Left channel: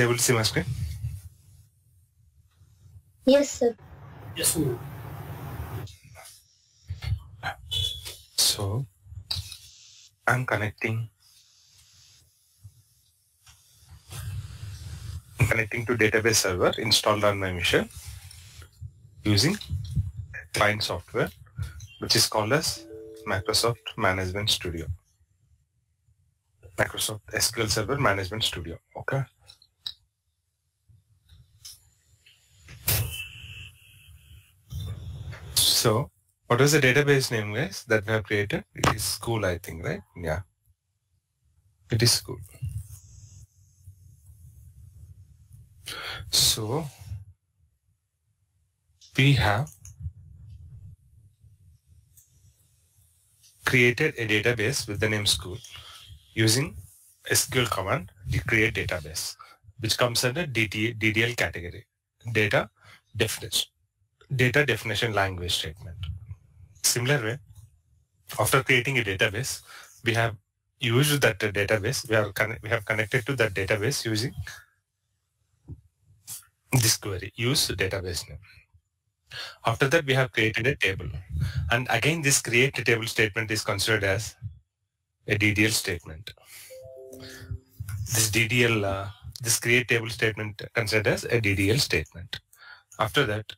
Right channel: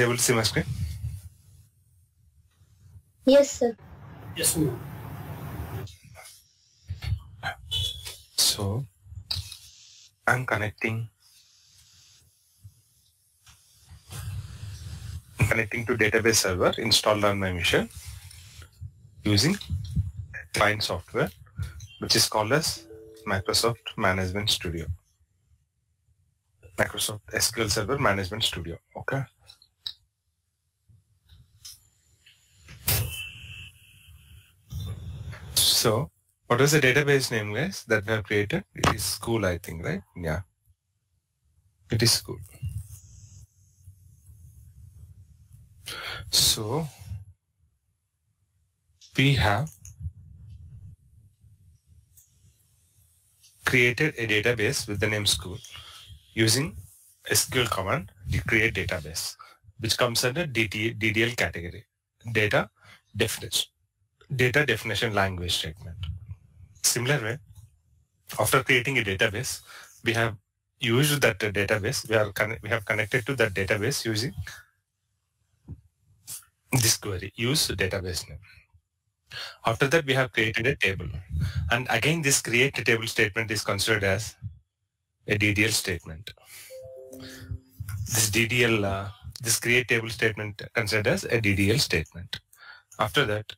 able to see my screen? Yes, sir. Yes, sir. So I'm connecting to database server installed on my machine using client software, which is called as Microsoft Management Studio. Microsoft SQL Server Management Studio. Okay. So what was the database name, guys, that we have created? It is school, I think, right? Yeah. It is school. So we have created a database with the name school using SQL command to create database, which comes under DDL category, data definition language statement. Similar way, after creating a database, we have used that database. We have connected to that database using this query, use database name. After that, we have created a table. And again, this create table statement is considered as a DDL statement. This DDL, this create table statement considered as a DDL statement. After that,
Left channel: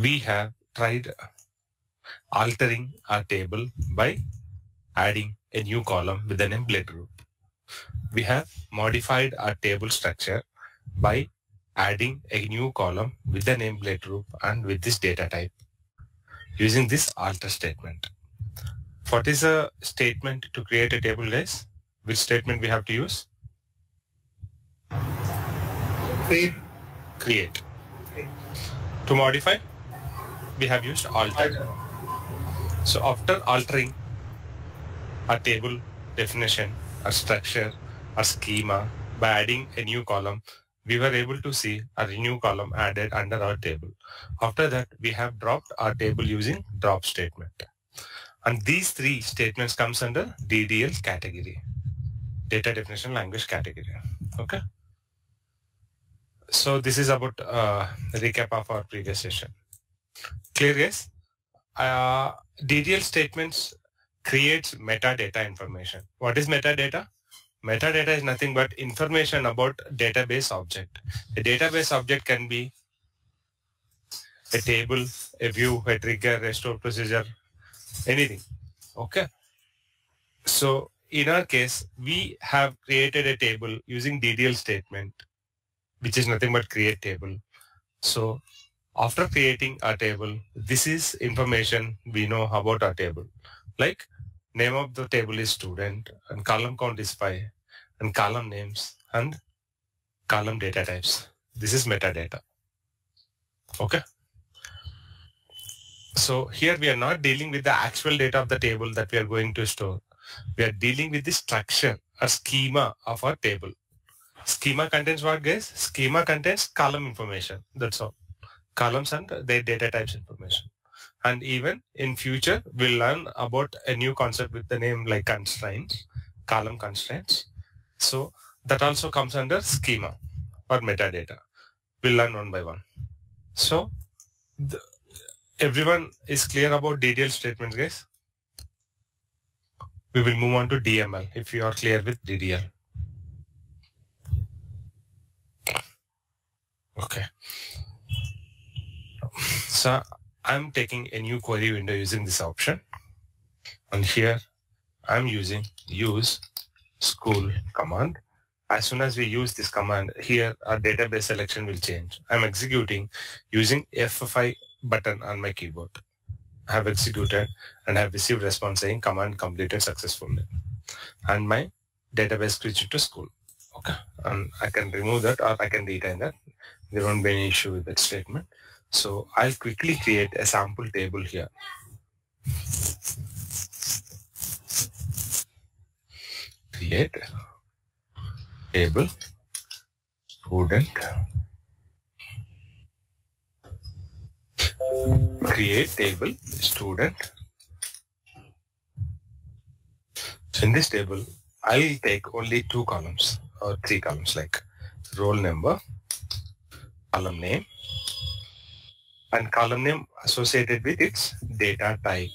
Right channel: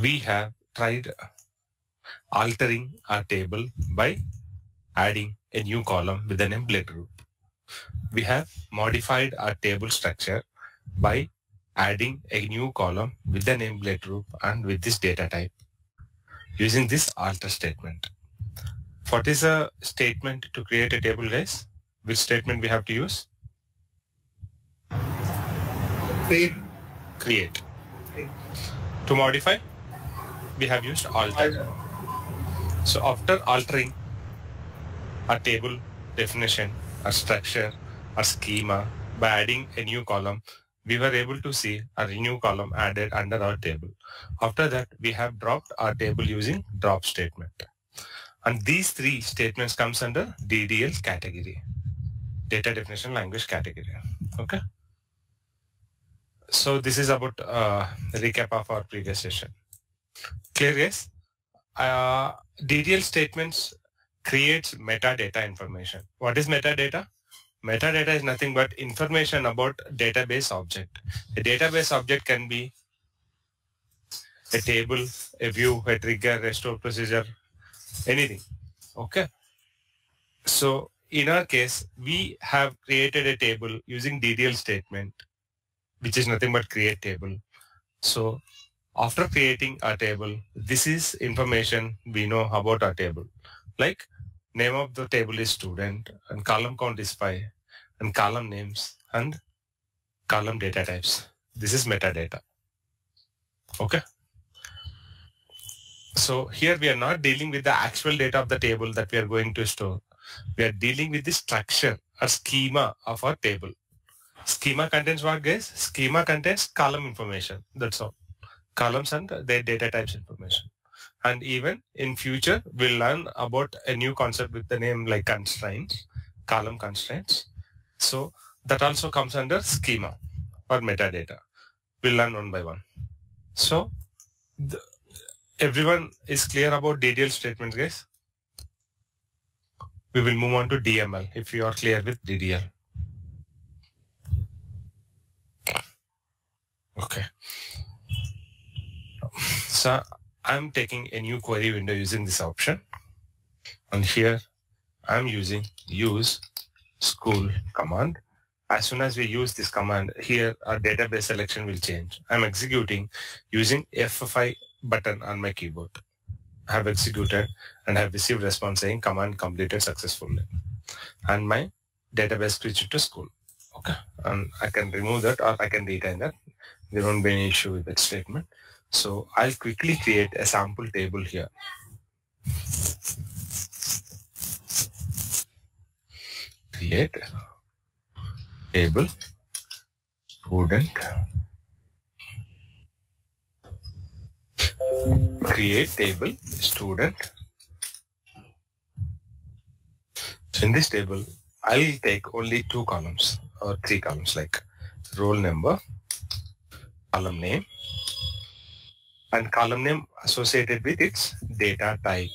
we have tried altering our table by adding a new column with the name blood group. We have modified our table structure by adding a new column with the name blood group and with this data type using this alter statement. What is a statement to create a table, guys? Which statement we have to use? Create. To modify, we have used alter. So after altering our table definition, our structure, our schema, by adding a new column, we were able to see a new column added under our table. After that, we have dropped our table using drop statement. And these three statements comes under DDL category, data definition language category. Okay. So this is about recap of our previous session. Clear, guys? DDL statements creates metadata information. What is metadata? Metadata is nothing but information about database object. A database object can be a table, a view, a trigger, a store procedure, anything. Okay. So in our case, we have created a table using DDL statement, which is nothing but create table. So after creating a table, this is information we know about our table. Like name of the table is student and column count is 5 and column names and column data types. This is metadata. Okay. So here we are not dealing with the actual data of the table that we are going to store. We are dealing with the structure or schema of our table. Schema contains what, guys? Schema contains column information. That's all. Columns and their data types information. And even in future, we'll learn about a new concept with the name like constraints, column constraints. So that also comes under schema or metadata. We'll learn one by one. So everyone is clear about DDL statements, guys? We will move on to DML if you are clear with DDL. Okay. So I'm taking a new query window using this option. And here I'm using use school command. As soon as we use this command, here our database selection will change. I'm executing using F5 button on my keyboard. I have executed and have received response saying command completed successfully. And my database switched to school. Okay. And I can remove that or I can retain that. There won't be any issue with that statement. So I'll quickly create a sample table here. Create table student. Create table student. So in this table, I'll take only 2 columns. or 3 columns like roll number, column name, and column name associated with its data type.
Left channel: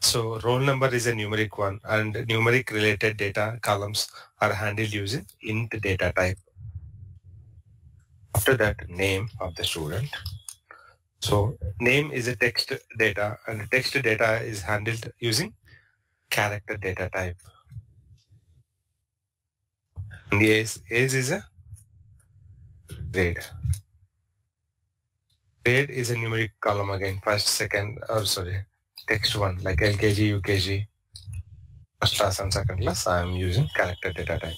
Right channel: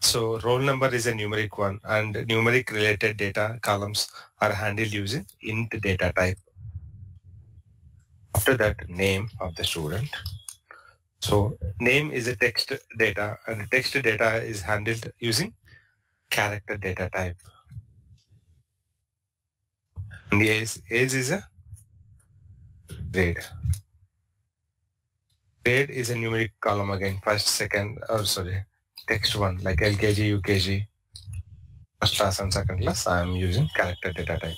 So roll number is a numeric one, and numeric related data columns are handled using int data type. After that, name of the student. So name is a text data, and the text data is handled using character data type. And age is a grade. Grade is a numeric column again, first, second, or sorry, text one, like LKG, UKG, first class and second class. I am using character data type.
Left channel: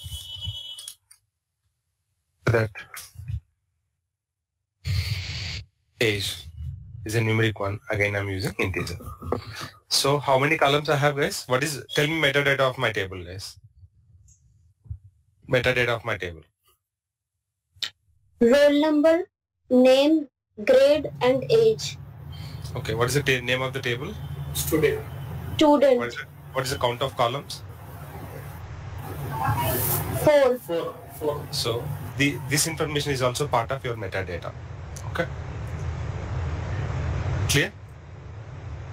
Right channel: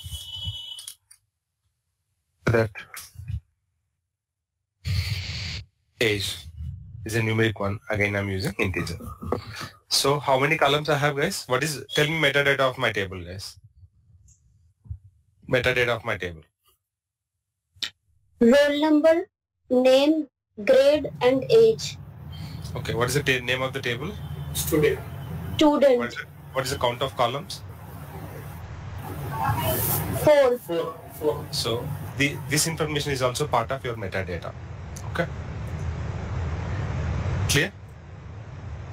That age is a numeric one. Again, I'm using integer. So how many columns I have, guys? Tell me metadata of my table, guys. Metadata of my table. Roll number, name, grade, and age. Okay, what is the name of the table? Student. What is the count of columns? 4. So this information is also part of your metadata. Okay. Clear?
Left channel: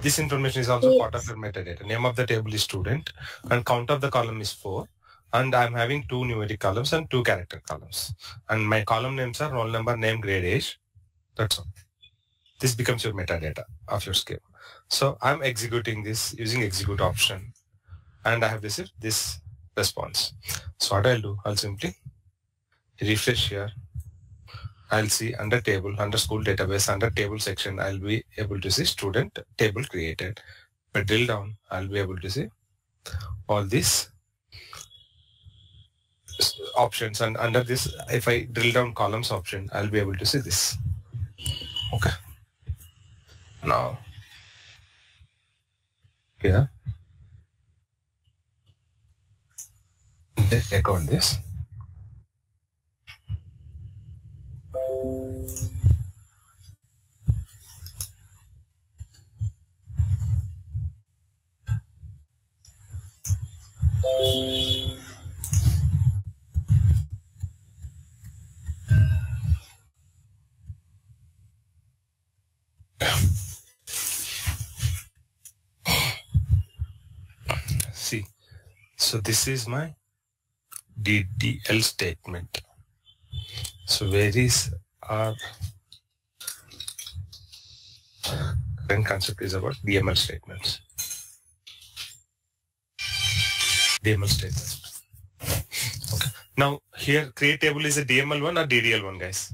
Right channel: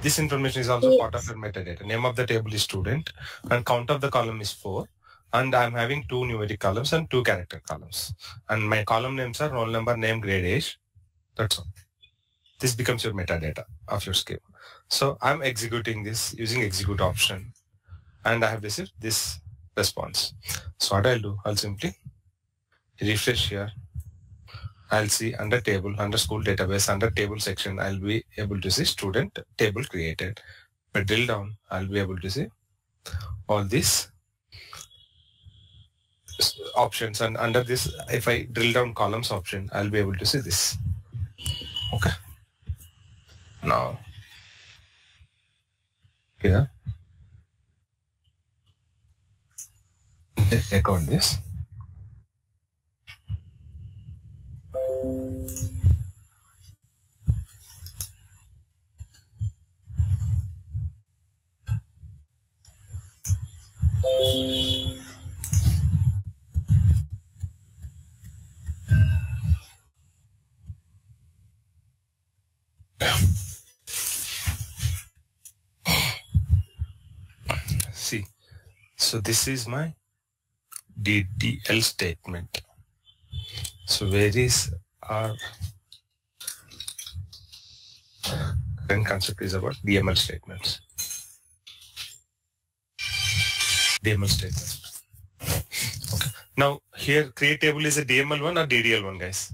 This information is also part of your metadata. Name of the table is student, and count of the column is 4. And I'm having 2 numeric columns and 2 character columns. And my column names are roll number, name, grade, age. That's all. This becomes your metadata of your schema. So I'm executing this using execute option, and I have received this response. So what I'll do, I'll simply refresh here. I'll see under table, under school database, under table section, I'll be able to see student table created. If I drill down, I'll be able to see all these options, and under this, if I drill down columns option, I'll be able to see this. Okay. Now, here, check out this. See, so this is my DQL statement. So where is our current concept is about DML statements. DML statements. Okay. Now here create table is a DML one or DDL one, guys?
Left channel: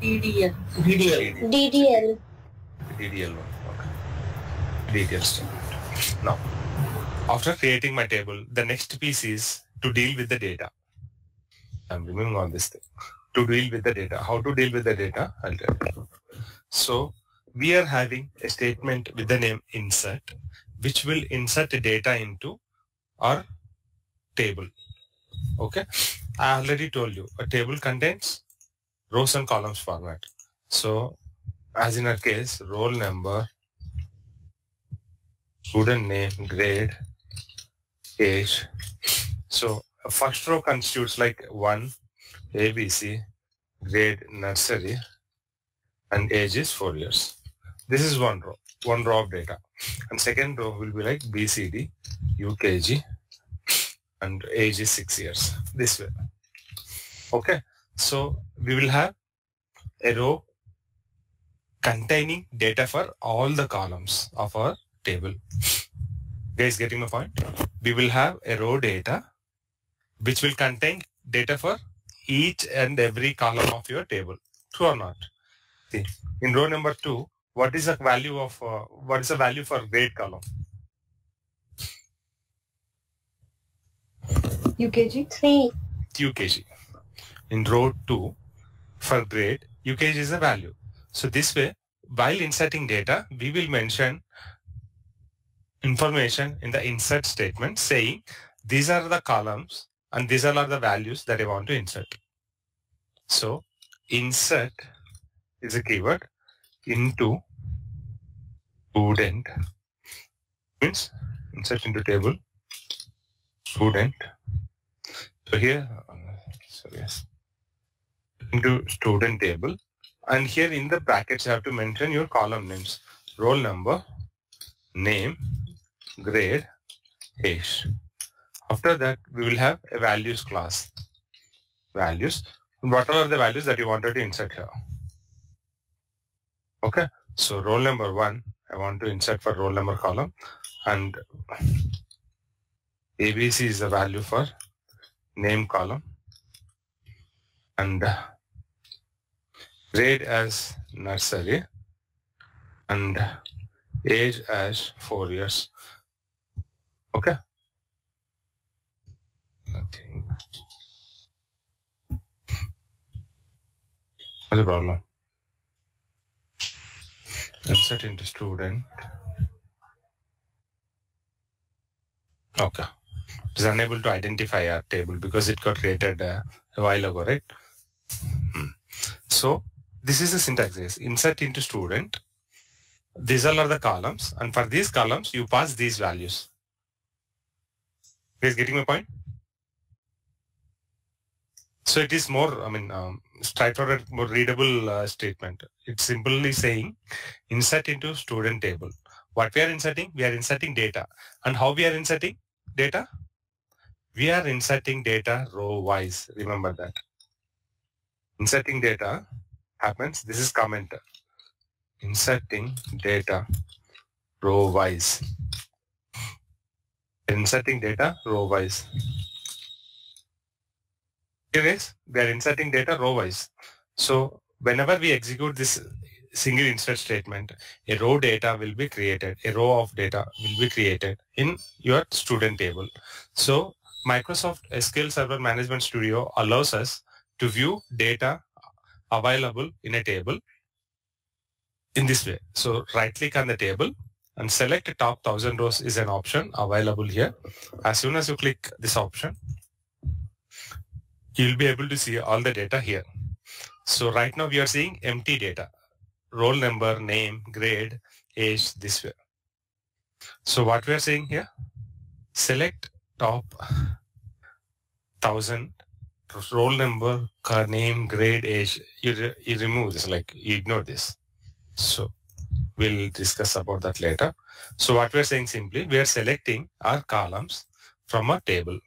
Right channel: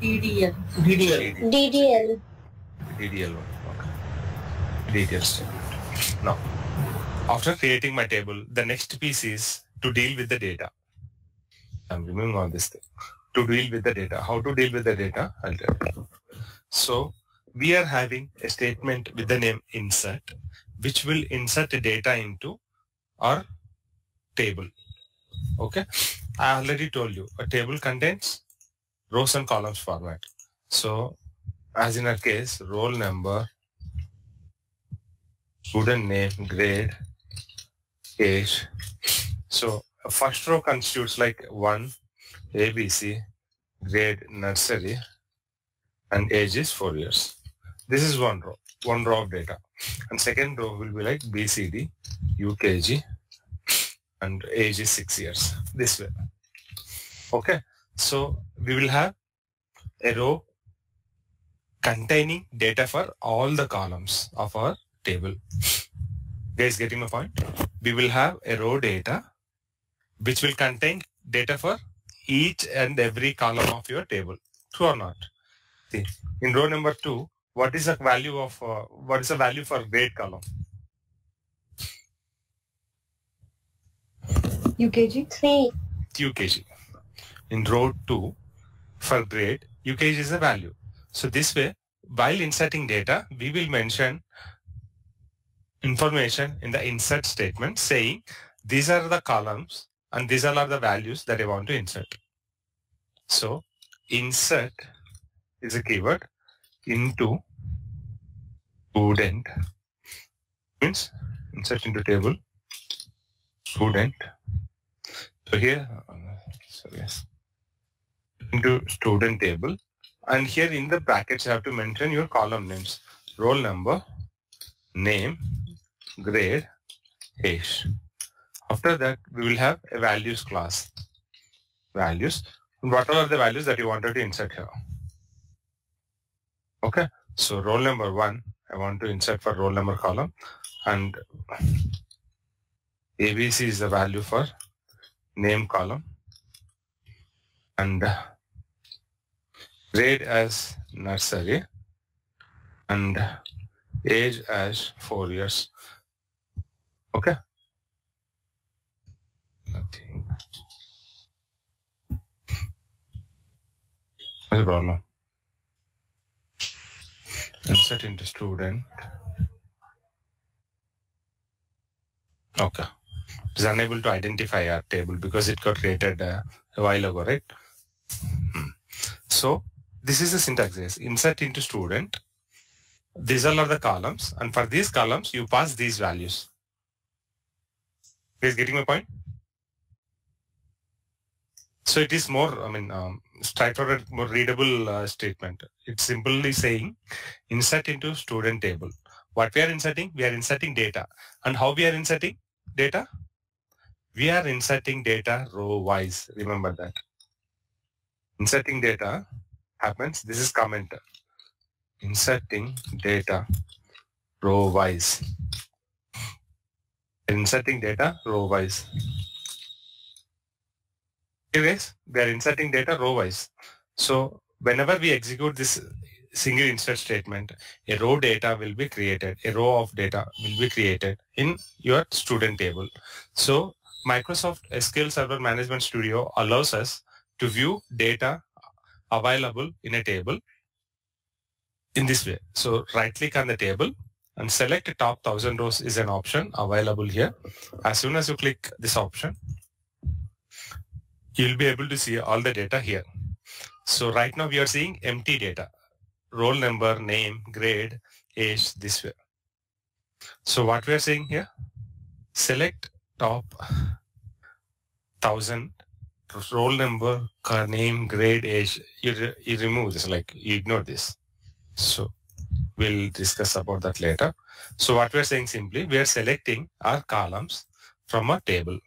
DDL. DDL one. Okay. DDL statement. Now, after creating my table, the next piece is to deal with the data. I'm removing all this thing. To deal with the data. How to deal with the data? I'll tell you. So we are having a statement with the name insert, which will insert the data into our table. Okay. I already told you a table contains rows and columns format. So as in our case, roll number, student name, grade, age. So first row constitutes like 1, ABC, grade, nursery, and age is 4 years. This is one row of data. And second row will be like BCD, UKG, and age is 6 years. This way. Okay. So we will have a row containing data for all the columns of our table. Guys, getting my point? We will have a row data which will contain data for each and every column of your table. True or not? See, in row number 2, what is the value of for grade column? UKG 3. UKG. In row 2, for grade, UKG is the value. So this way, while inserting data, we will mention information in the insert statement saying these are the columns and these are the values that I want to insert. So insert is a keyword into student, means insert into table student. So here, so yes, into student table. And here in the brackets, you have to mention your column names, roll number, name, grade, age. After that, we will have a values class. Values. What are the values that you wanted to insert here? Okay. So roll number 1, I want to insert for roll number column, and ABC is the value for name column, and grade as nursery, and age as 4 years. Okay. Nothing. What's the problem? Insert into student. Okay. It is unable to identify our table because it got created a while ago, right? So this is the syntax. Yes. Insert into student. These all are the columns, and for these columns, you pass these values. You guys getting my point? So it is more, straightforward, more readable statement. It's simply saying insert into student table. What we are inserting? We are inserting data. And how we are inserting data? We are inserting data row-wise. Remember that. Inserting data happens. This is comment. Inserting data row-wise. Inserting data row-wise. Anyways, we are inserting data row-wise. So whenever we execute this single insert statement, a row data will be created. A row of data will be created in your student table. So Microsoft SQL Server Management Studio allows us to view data available in a table in this way. So right click on the table and select top 1000 rows is an option available here. As soon as you click this option, you'll be able to see all the data here. So right now we are seeing empty data, roll number, name, grade, age, this way. So what we are saying here, select top 1000, roll number, name, grade, age. You remove this, like you ignore this. So we'll discuss about that later. So what we're saying simply, we are selecting our columns from a table.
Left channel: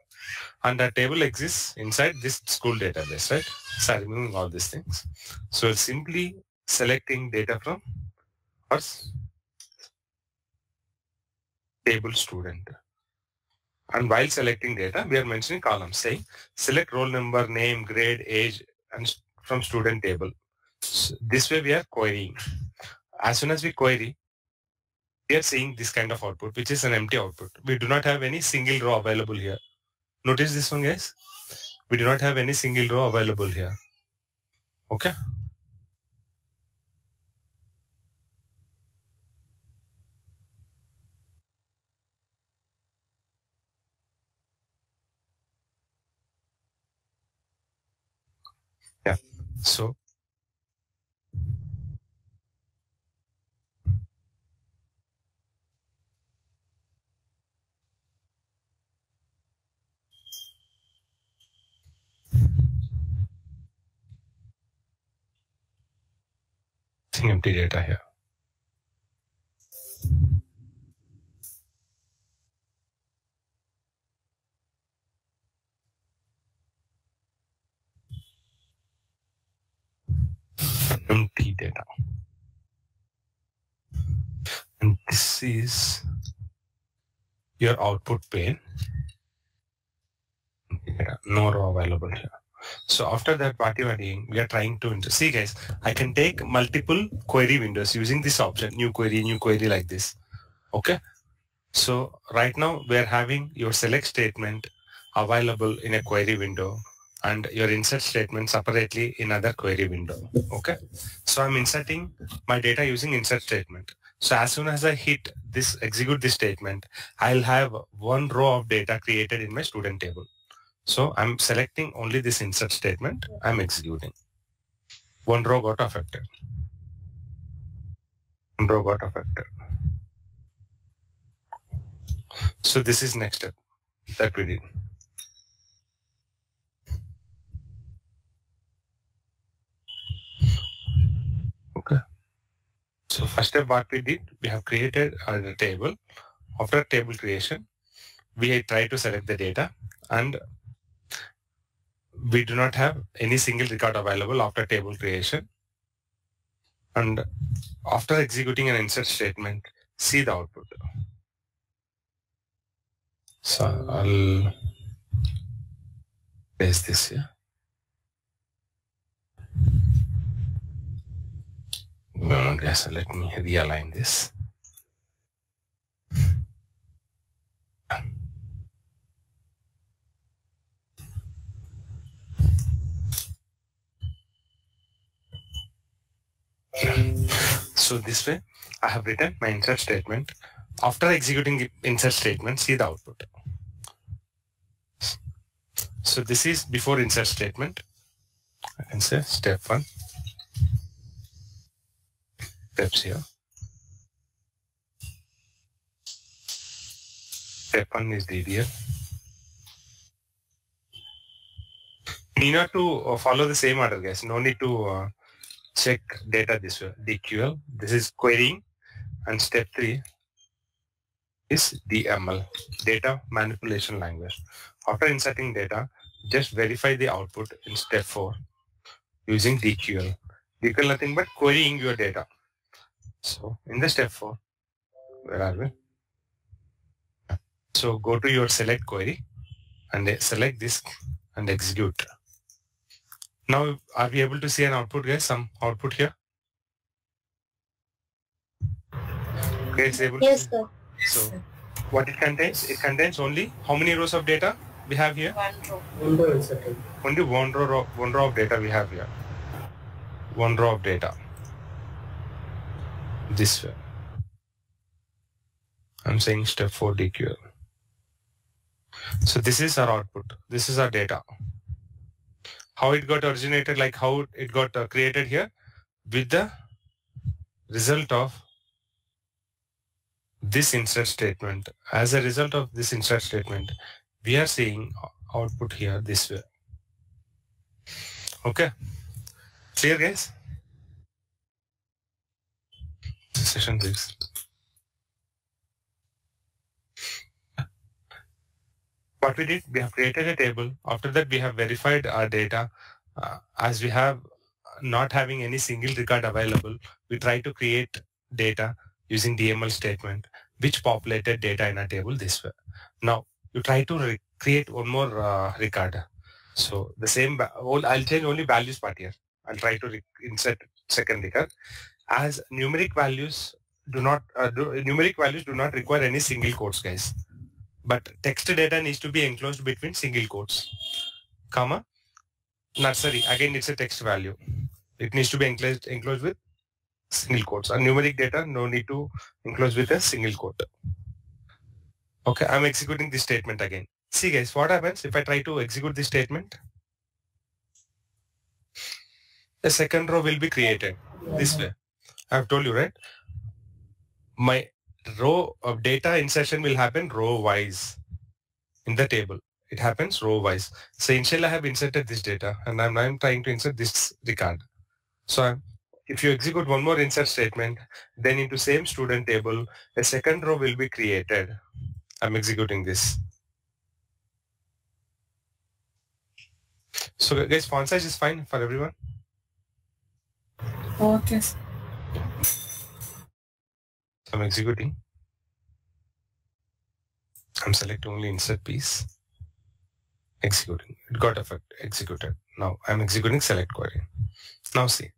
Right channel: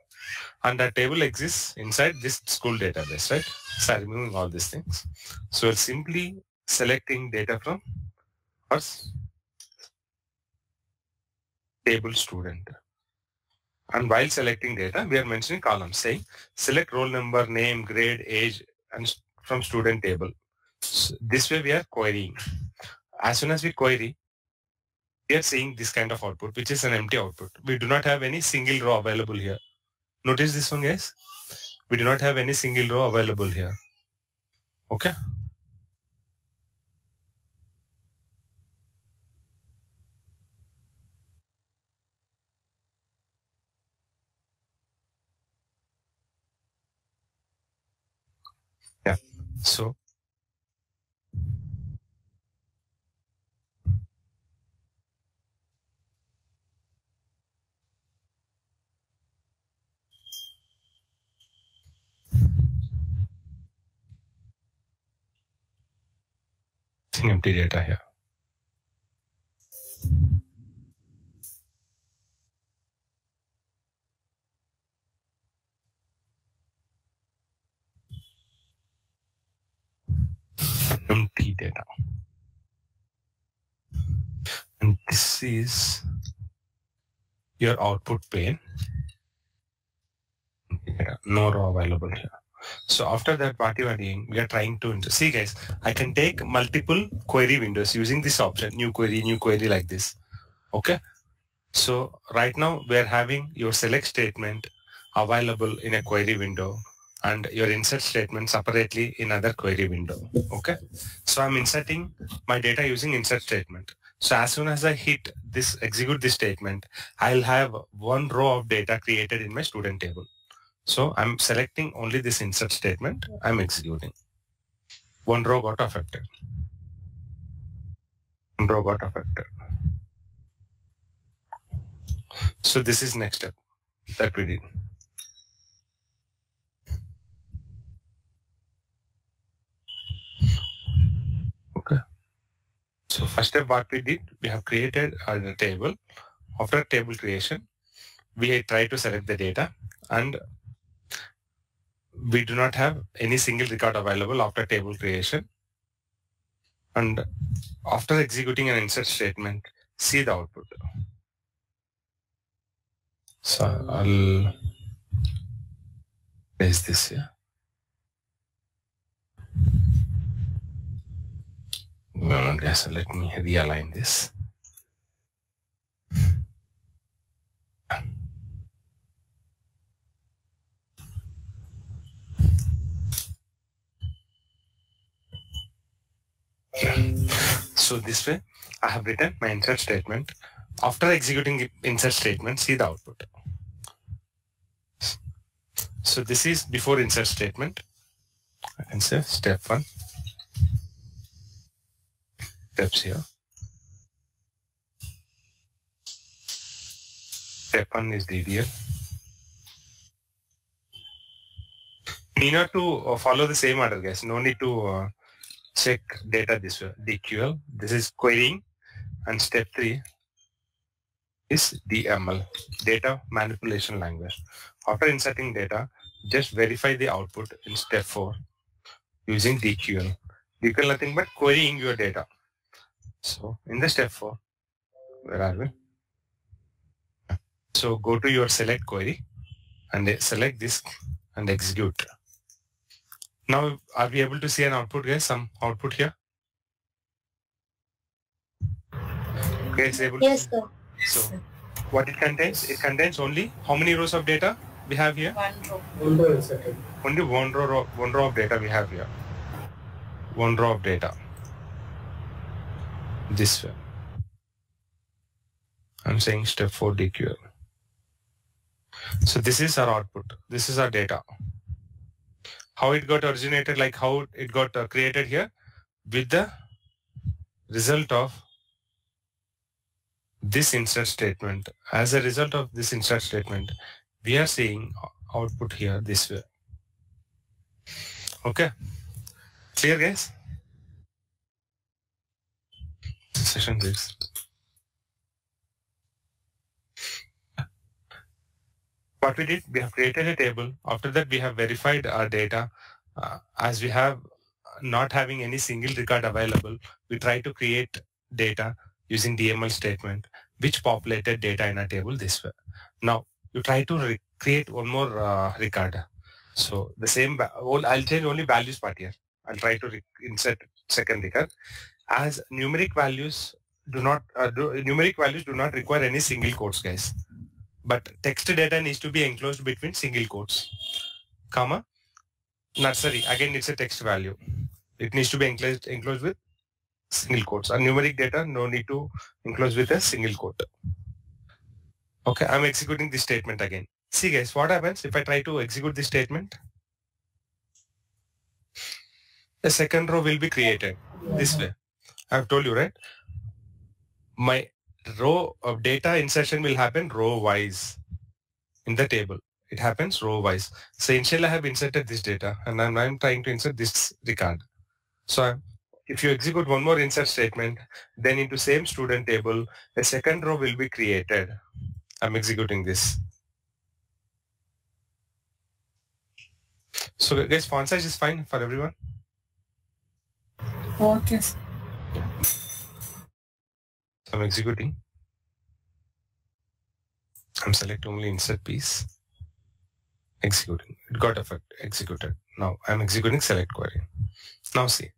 And that table exists inside this school database, right? So removing all these things. So we're simply selecting data from our table student. And while selecting data, we are mentioning columns, saying select roll number, name, grade, age, and from student table. So this way we are querying. As soon as we query, we are seeing this kind of output, which is an empty output. We do not have any single row available here. Notice this one, guys. We do not have any single row available here. Okay. Yeah. So empty data here. Empty data. And this is your output pane. Yeah, no row available here. So after that, what you are doing, we are trying to see, guys, I can take multiple query windows using this option, new query like this. Okay. So right now we're having your select statement available in a query window and your insert statement separately in other query window. Okay. So I'm inserting my data using insert statement. So as soon as I hit this, execute this statement, I'll have one row of data created in my student table. So I'm selecting only this insert statement. I'm executing. One row got affected. One row got affected. So this is next step. that we did. Okay. So first step what we did, we have created a table. After table creation, we try to select the data, and we do not have any single record available after table creation. And after executing an insert statement, see the output. So I'll paste this here. Yes, let me realign this. So this way, I have written my insert statement. After executing the insert statement, see the output. So this is before insert statement. I can say step 1. Steps here. Step 1 is DDL. Need not to follow the same order, guys. No need to check data this way. DQL. This is querying, and step 3 is DML, data manipulation language. After inserting data, just verify the output in step 4 using DQL. DQL nothing but querying your data. So in the step 4, where are we? So go to your select query and select this and execute. Now are we able to see an output, guys? Some output here? Okay, it's able Yes, to sir. So what it contains? It contains only how many rows of data we have here? One row. One row inserted. Only one row of data we have here. One row of data. This way. I'm saying step 4 DQL. So this is our output. This is our data. How it got originated, like how it got created here, with the result of this insert statement. As a result of this insert statement, we are seeing output here this way. Okay. Clear, guys? Session 6. What we did, we have created a table. After that, we have verified our data. As we have not having any single record available, we try to create data using DML statement, which populated data in a table this way. Now, you try to create one more record. So the same, I'll change only values part here. I'll try to insert second record. As numeric values do not require any single quotes, guys. But text data needs to be enclosed between single quotes, comma, nursery. Again, it's a text value. It needs to be enclosed with single quotes. And numeric data, no need to enclose with a single quote. Okay, I'm executing this statement again. See, guys, what happens if I try to execute this statement? The second row will be created this way. I've told you, right? My row of data insertion will happen row-wise in the table. It happens row-wise. So initially I have inserted this data and I'm trying to insert this record. So if you execute one more insert statement, then into same student table, a second row will be created. I'm executing this. So guys, font size is fine for everyone? Okay. I'm executing. I'm selecting only insert piece. Executing. It got effect. Executed. Now I'm executing select query. Now see.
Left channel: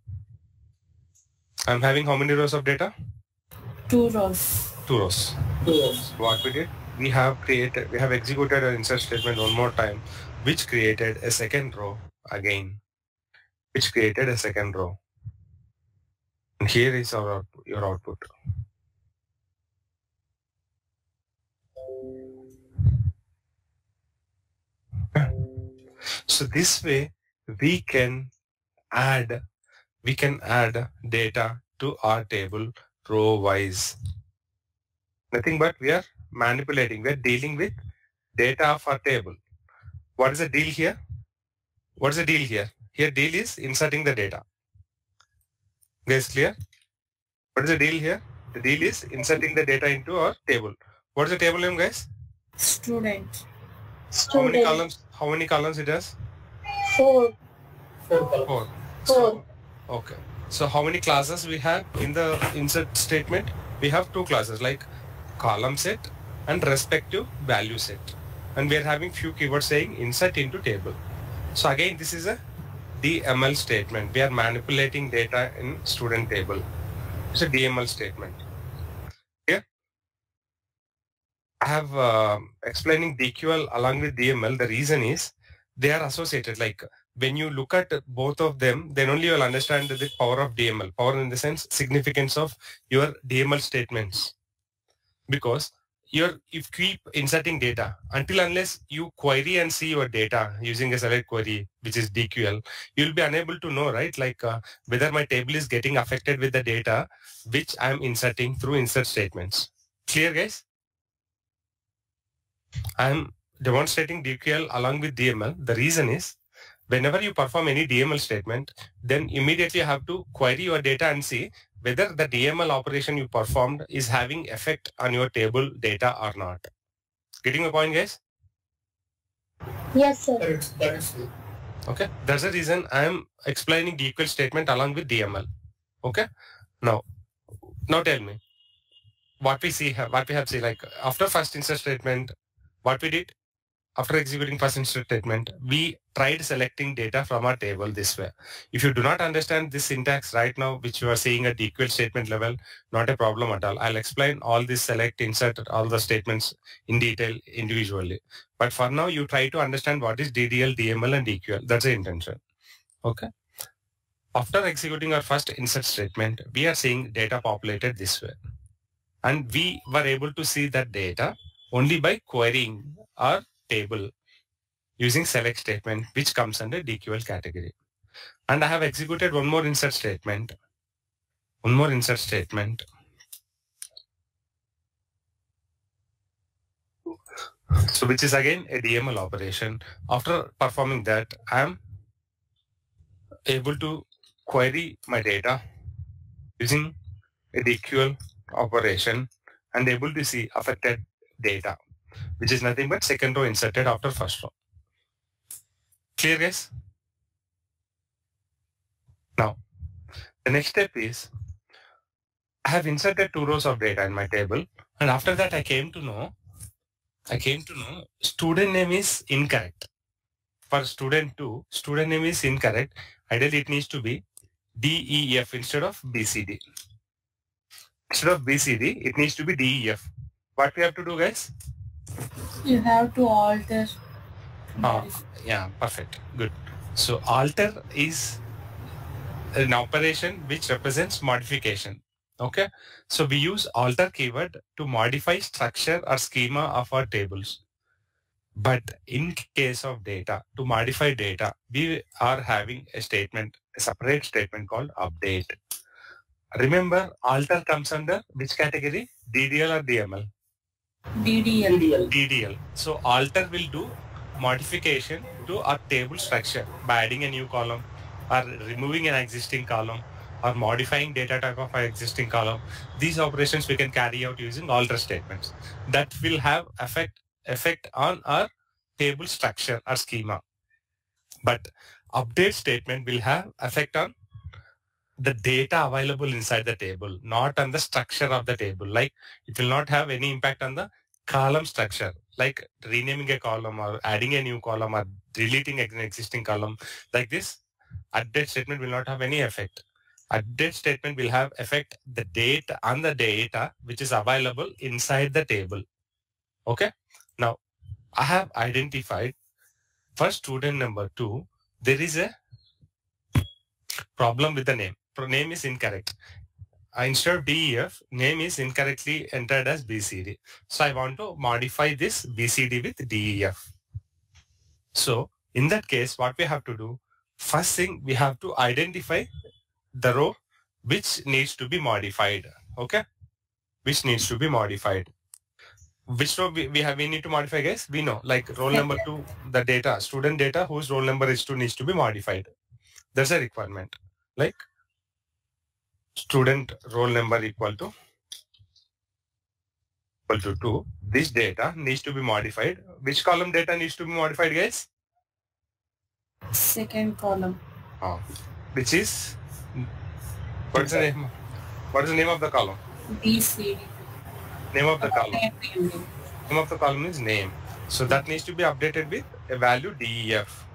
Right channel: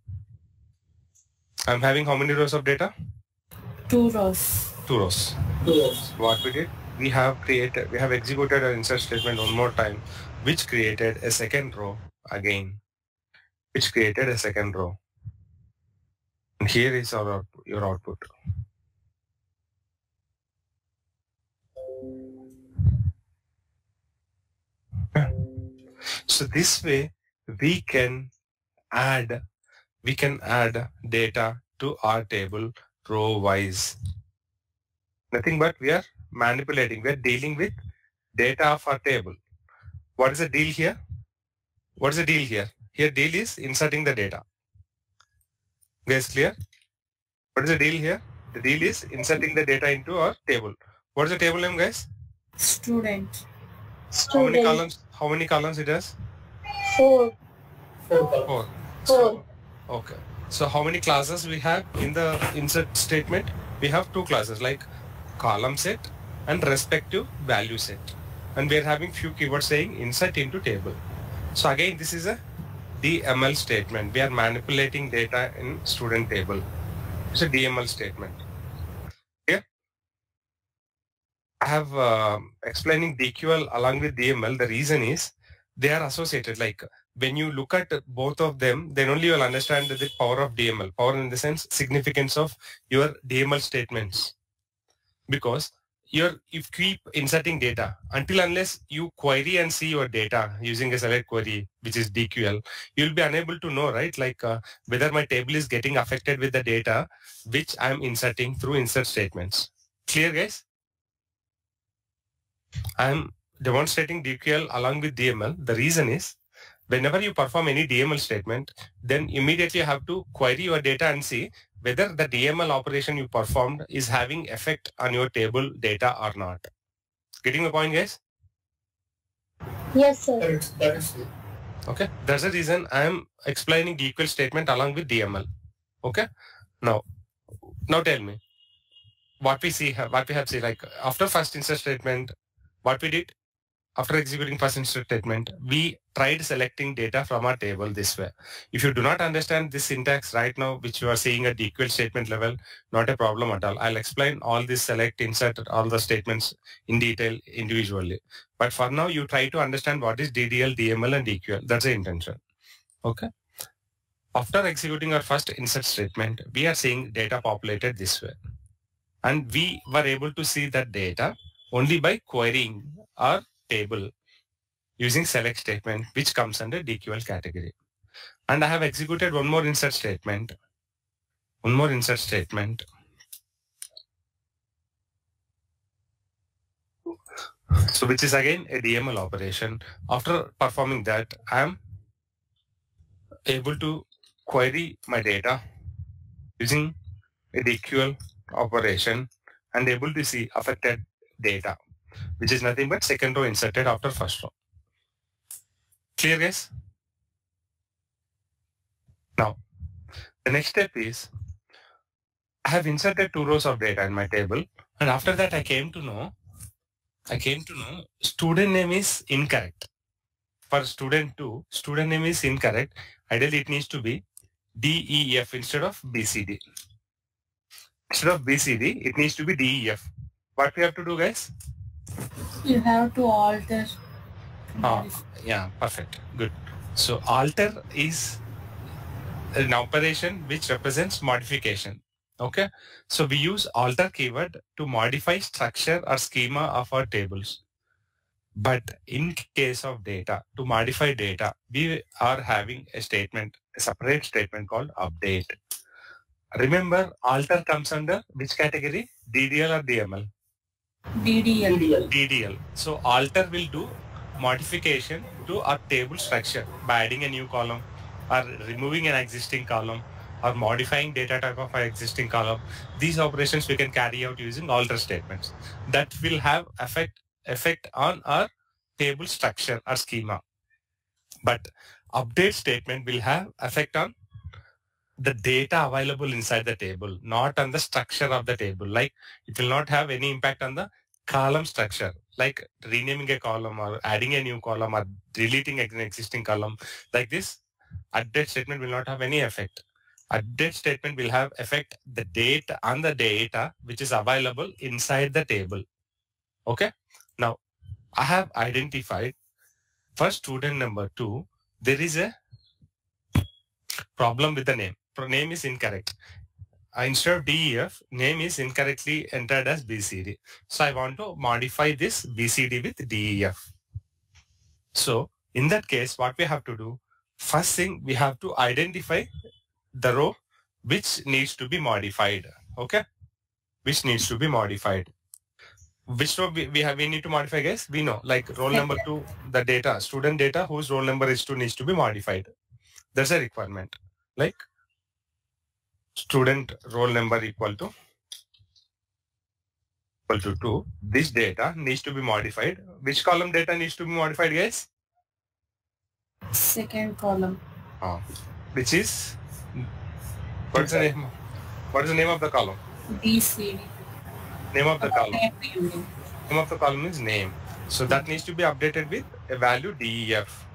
I'm having how many rows of data? 2 rows. 2 rows. 2 rows. What we did? We have executed an insert statement one more time, which created a second row again. Which created a second row. And here is your output. So this way we can add data to our table row wise. Nothing but we are manipulating, we are dealing with data for table. What is the deal here? What is the deal here? Here deal is inserting the data. Guys, clear? What is the deal here? The deal is inserting the data into our table. What is the table name, guys? Student. How many Student. columns? How many columns it has? 4. 4. So, okay. So how many classes we have in the insert statement? We have 2 classes like column set and respective value set. And we are having few keywords saying insert into table. So again, this is a DML statement. We are manipulating data in student table. It's a DML statement. Here, I have explaining DQL along with DML. The reason is they are associated. Like when you look at both of them, then only you will understand the power of DML. Power in the sense, significance of your DML statements. Because if you keep inserting data until unless you query and see your data using a select query, which is DQL, you'll be unable to know, right? Like whether my table is getting affected with the data which I'm inserting through insert statements. Clear, guys? I'm demonstrating DQL along with DML. The reason is whenever you perform any DML statement, then immediately you have to query your data and see whether the DML operation you performed is having effect on your table data or not. Getting my point, guys? Yes, sir. Okay. That's the reason I am explaining DQL statement along with DML. Okay. Now tell me what we have seen, like after first insert statement, what we did after executing first insert statement, we tried selecting data from our table this way. If you do not understand this syntax right now, which you are seeing at DQL statement level, not a problem at all. I'll explain all this select, insert, all the statements in detail individually. But for now, you try to understand what is DDL, DML, and DQL. That's the intention. Okay. After executing our first insert statement, we are seeing data populated this way. And we were able to see that data only by querying our table using select statement, which comes under DQL category. And I have executed one more insert statement. So which is again a DML operation. After performing that, I am able to query my data using a DQL operation and able to see affected data, which is nothing but second row inserted after first row. Clear, guys? Now, the next step is I have inserted 2 rows of data in my table, and after that I came to know student name is incorrect. For student 2, student name is incorrect. Ideally, it needs to be DEF instead of BCD. Instead of BCD, it needs to be DEF. What we have to do, guys? You have to alter. Yeah, perfect. Good. So alter is an operation which represents modification. Okay. So we use alter keyword to modify structure or schema of our tables. But in case of data, to modify data, we are having a separate statement called update. Remember, alter comes under which category? DDL or DML? DDL. So alter will do modification to our table structure by adding a new column or removing an existing column or modifying data type of our existing column. These operations we can carry out using alter statements that will have effect on our table structure or schema. But update statement will have effect on the data available inside the table, not on the structure of the table. Like it will not have any impact on the column structure, like renaming a column or adding a new column or deleting an existing column. Like this, update statement will not have any effect. Update statement will have effect the data on the data which is available inside the table. Okay. Now, I have identified for student number 2, there is a problem with the name. Name is incorrect. Instead of DEF, name is incorrectly entered as BCD. So I want to modify this BCD with DEF. So in that case, what we have to do, first thing we have to identify the row which needs to be modified. Okay. Which needs to be modified. Which row we need to modify, guys? We know, like roll number 2, the data, student data whose roll number is 2 needs to be modified. There's a requirement, like student roll number equal to 2. This data needs to be modified. Which column data needs to be modified, guys? Second column. Which is, what's the name? What is the name of the column? BCD. Name of the column. Name. Name of the column is name. So that needs to be updated with a value DEF.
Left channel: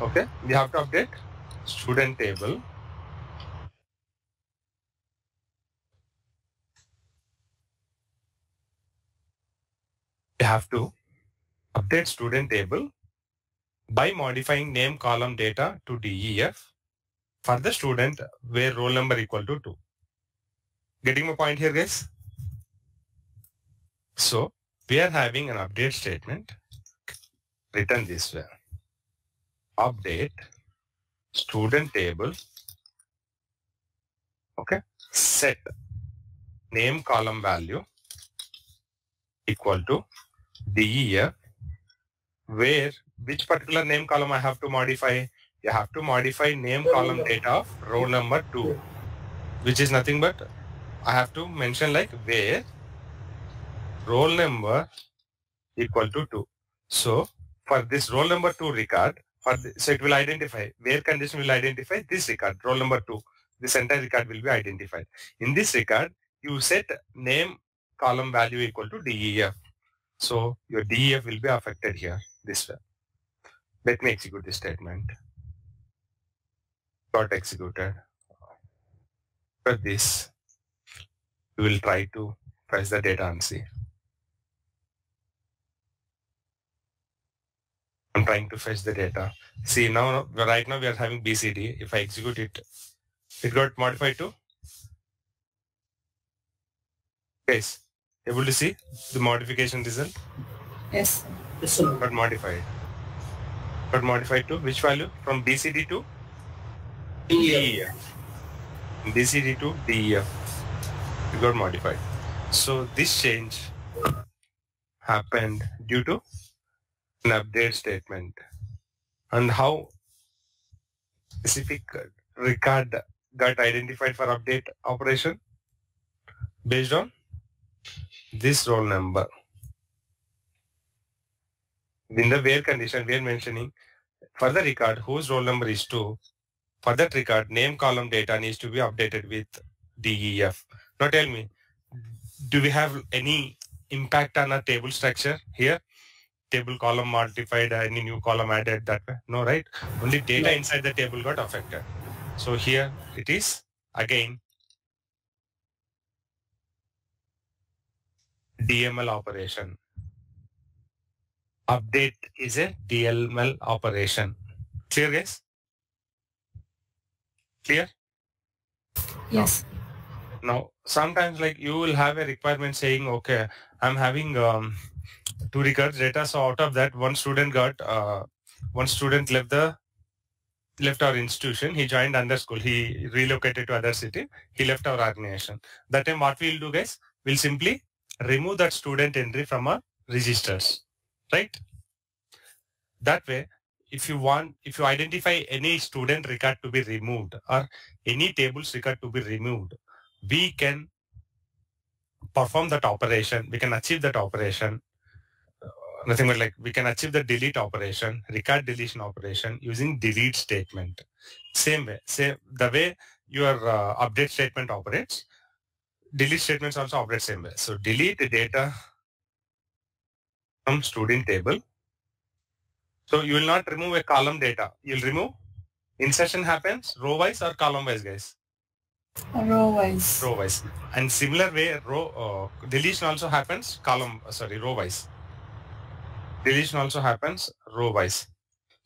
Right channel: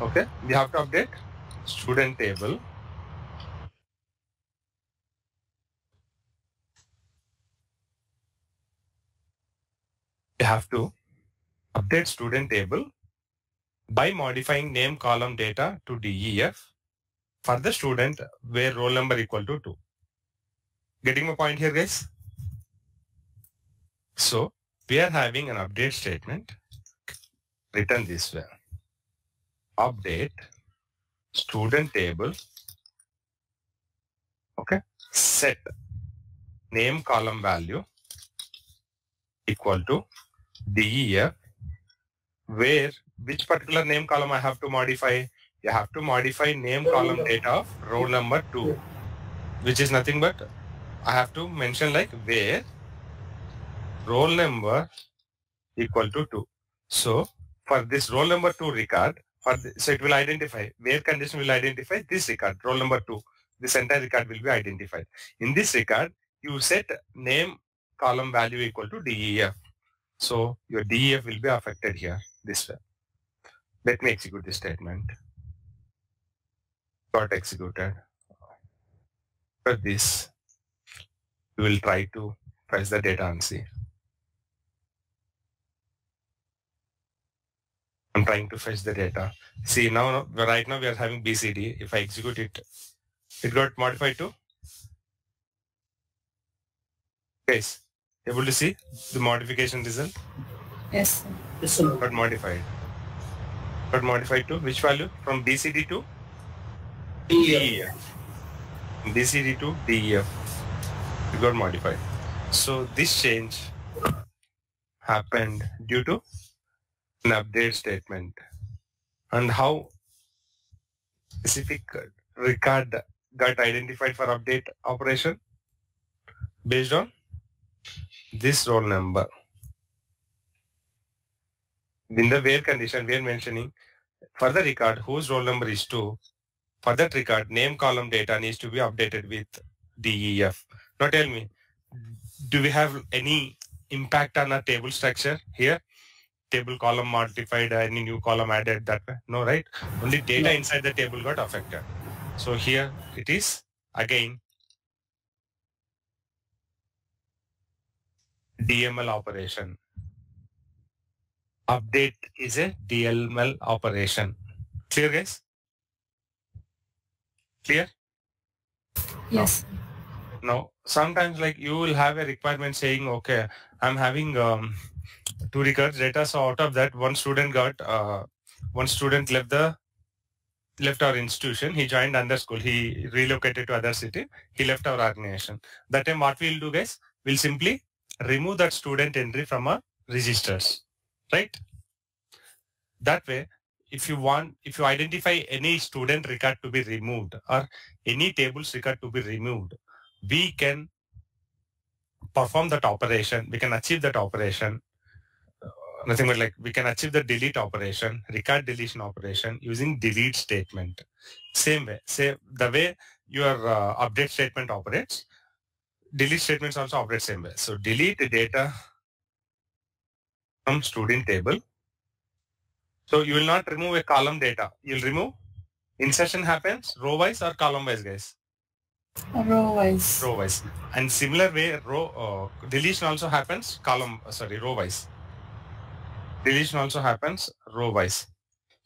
Okay, we have to update student table. We have to update student table by modifying name column data to DEF for the student where roll number equal to 2. Getting my point here, guys? So we are having an update statement written this way. Update student table, okay, set name column value equal to DEF, where which particular name column I have to modify? You have to modify name column data of roll number 2, which is nothing but I have to mention like where roll number equal to 2. So for this roll number 2 record, so it will identify, where condition will identify this record, roll number 2. This entire record will be identified. In this record, you set name column value equal to DEF. So your DEF will be affected here this way. Let me execute this statement. Got executed. For this, we will try to fetch the data and see. I'm trying to fetch the data. See, now, right now we are having BCD. If I execute it, it got modified to? Guys, able to see the modification result? Yes, sir. Yes, sir. Got modified. Got modified to which value? From BCD to DEF. BCD to DEF. It got modified. So this change happened due to an update statement. And how specific record got identified for update operation? Based on this roll number. In the where condition, we are mentioning for the record whose roll number is 2, for that record, name column data needs to be updated with DEF. Now tell me, do we have any impact on our table structure here? Table column modified, any new column added that way? No, right? Only data inside the table got affected. So here it is again DML operation. Update is a DML operation. Clear, guys? Clear? Yes. Now, sometimes like you will have a requirement saying, okay, I'm having 2 records data. So out of that, one student left our institution. He joined under school. He relocated to other city. He left our organization. That time what we'll do, guys, we'll simply remove that student entry from our registers, right? That way, if you identify any student record to be removed or any tables record to be removed, we can perform that operation. We can achieve that operation. Nothing but like we can achieve the delete operation, record deletion operation using delete statement. Same way, the way your update statement operates, delete statements also operate same way. So delete the data from student table. So you will not remove a column data. You'll remove insertion happens row wise or column wise, guys? Row wise. Row wise. And similar way deletion also happens row wise. Deletion also happens row wise.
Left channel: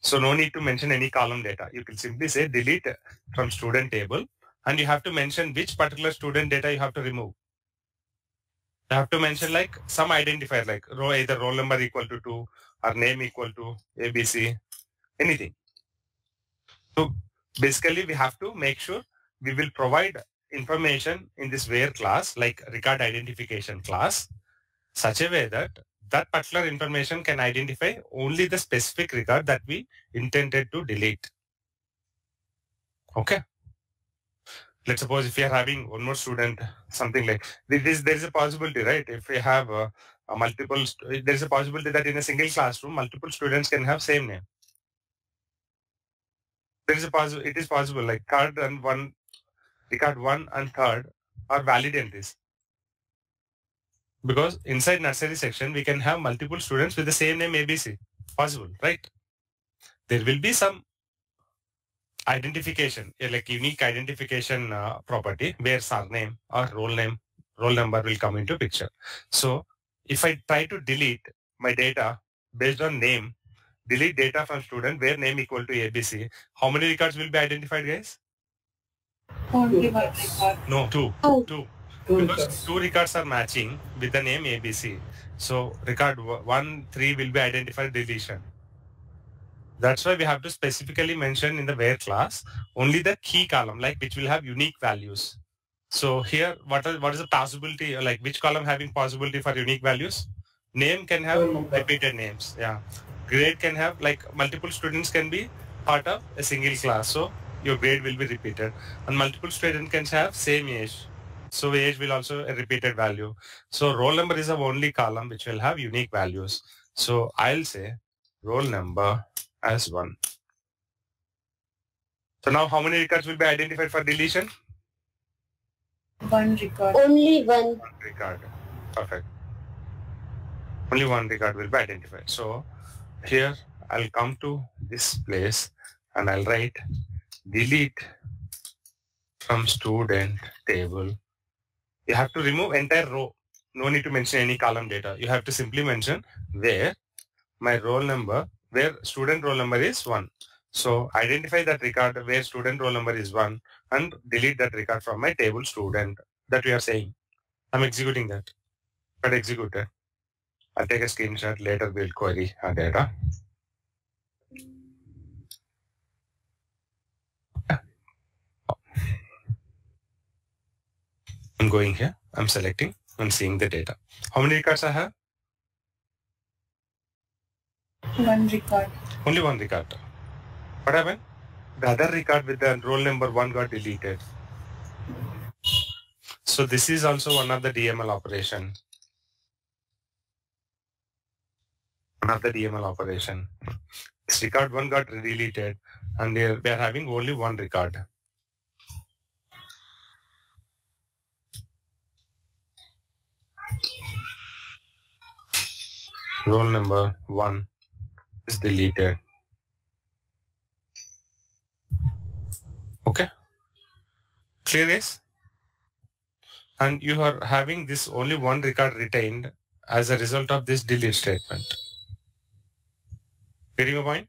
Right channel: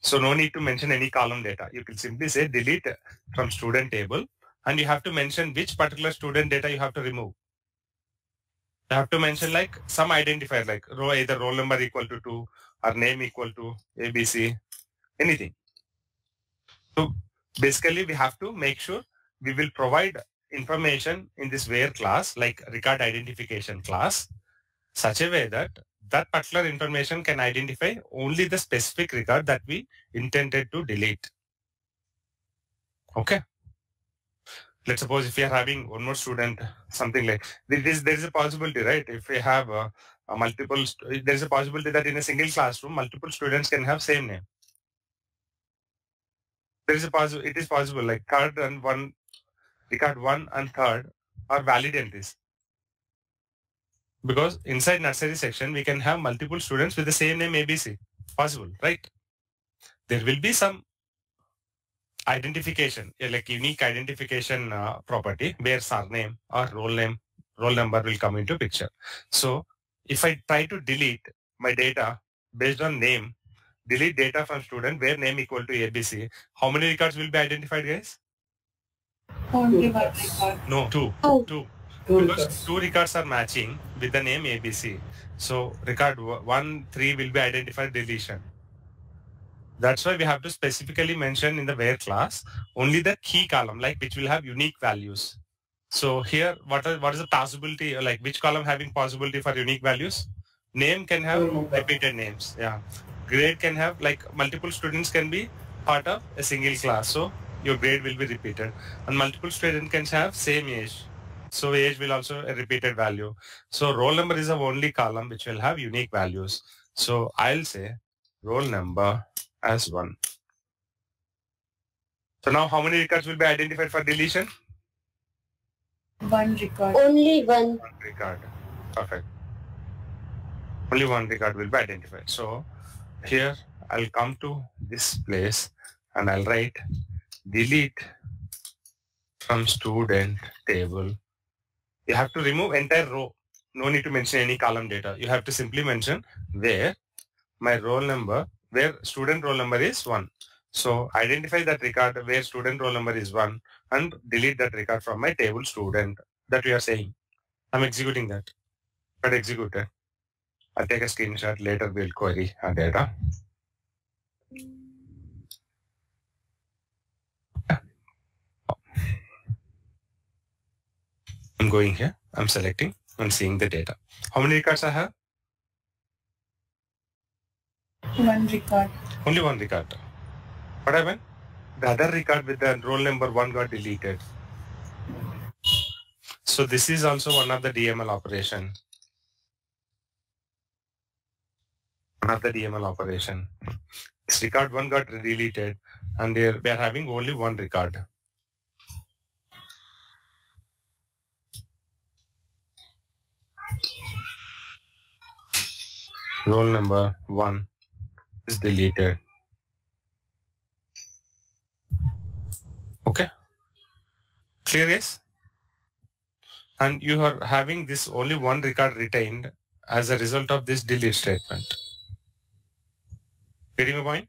So no need to mention any column data. You can simply say delete from student table and you have to mention which particular student data you have to remove. You have to mention like some identifier like either roll number equal to 2 or name equal to ABC, anything. So basically we have to make sure we will provide information in this where class like record identification class such a way that that particular information can identify only the specific record that we intended to delete. Okay. Let's suppose if we are having one more student, something like this, there is a possibility, right? If we have a multiple, there is a possibility that in a single classroom, multiple students can have same name. There is a possible, it is possible like third and one, record 1 and third are valid entries. Because inside nursery section, we can have multiple students with the same name ABC. Possible, right? There will be some identification, like unique identification property where surname or roll number will come into picture. So if I try to delete my data based on name, delete data from student where name equal to ABC, how many records will be identified, guys? Only one record. No, two. Oh. Two. Two Because records. two records are matching with the name ABC. So record 1, 3 will be identified deletion. That's why we have to specifically mention in the where class only the key column, like which will have unique values. So here, what is the possibility, like which column having possibility for unique values? Name can have repeated names. Yeah. Grade can have, like multiple students can be part of a single class. So your grade will be repeated. And multiple students can have same age. So age will also a repeated value. So roll number is the only column which will have unique values. So I'll say roll number as 1. So now how many records will be identified for deletion? One record. Only one. One record. Perfect. Only one record will be identified. So here I'll come to this place and I'll write delete from student table. You have to remove entire row. No need to mention any column data. You have to simply mention where my roll number, where student roll number is 1. So identify that record where student roll number is 1 and delete that record from my table student that we are saying. I'm executing that. But executed. I'll take a screenshot later. We'll query our data. I'm going here. I'm selecting and seeing the data. How many records I have? One record. Only one record. What happened? The other record with the roll number 1 got deleted. So this is also one of the DML operation. One of the DML operation. This record 1 got deleted and we are having only one record. Roll number 1 is deleted. Okay. Clear, guys? And you are having this only one record retained as a result of this delete statement. Getting my point?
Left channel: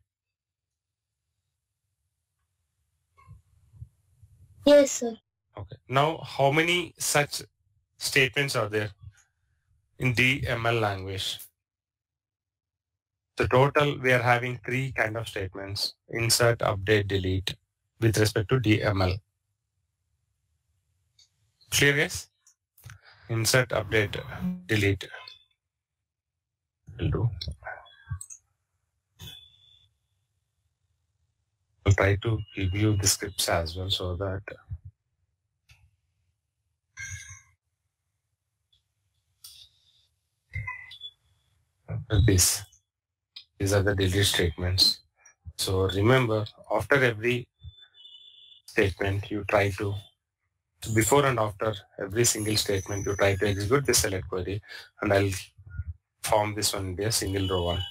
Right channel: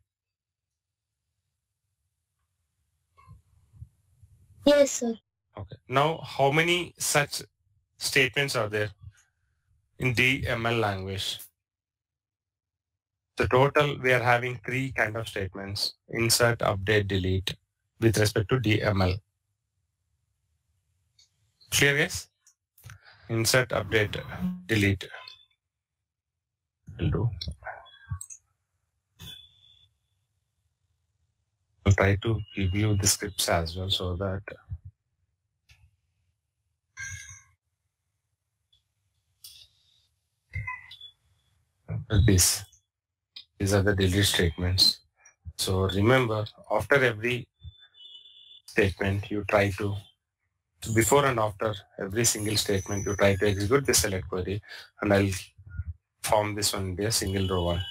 Yes, sir. Okay. Now, how many such statements are there in DML language? The total, we are having 3 kind of statements: insert, update, delete with respect to DML. Clear, guys? Insert, update, delete. Will do. I'll try to give you the scripts as well so that these are the delete statements. So remember, after every statement, you try to, before and after every single statement, you try to execute the select query, and I'll form this one into a single row one.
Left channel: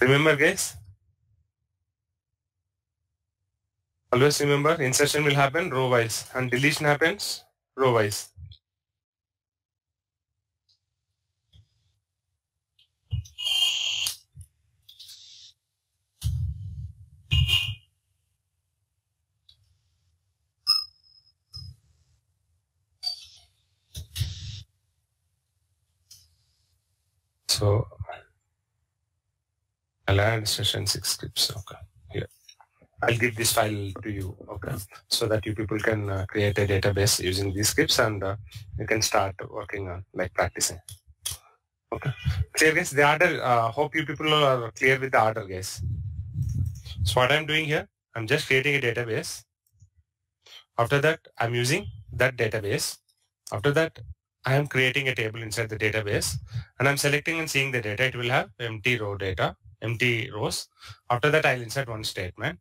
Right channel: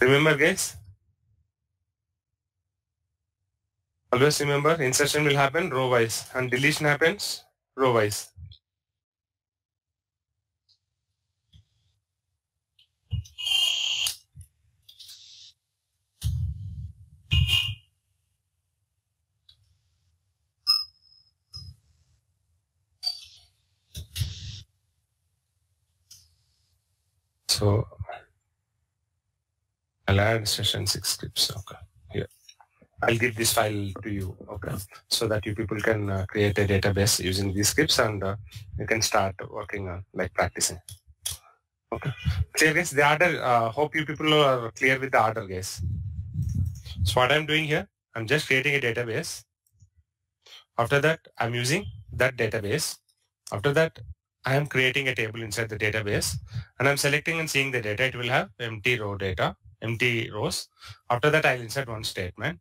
Remember, guys? Always remember, insertion will happen row-wise and deletion happens row-wise. So I'll add Session6 scripts. Okay. Here. I'll give this file to you. Okay. So that you people can create a database using these scripts and you can start working on practicing. Okay. Clear guys? The order, hope you people are clear with the order guys. So what I'm doing here, I'm just creating a database. After that, I'm using that database. After that, I am creating a table inside the database and I'm selecting and seeing the data. It will have empty row data, empty rows. After that, I'll insert one statement.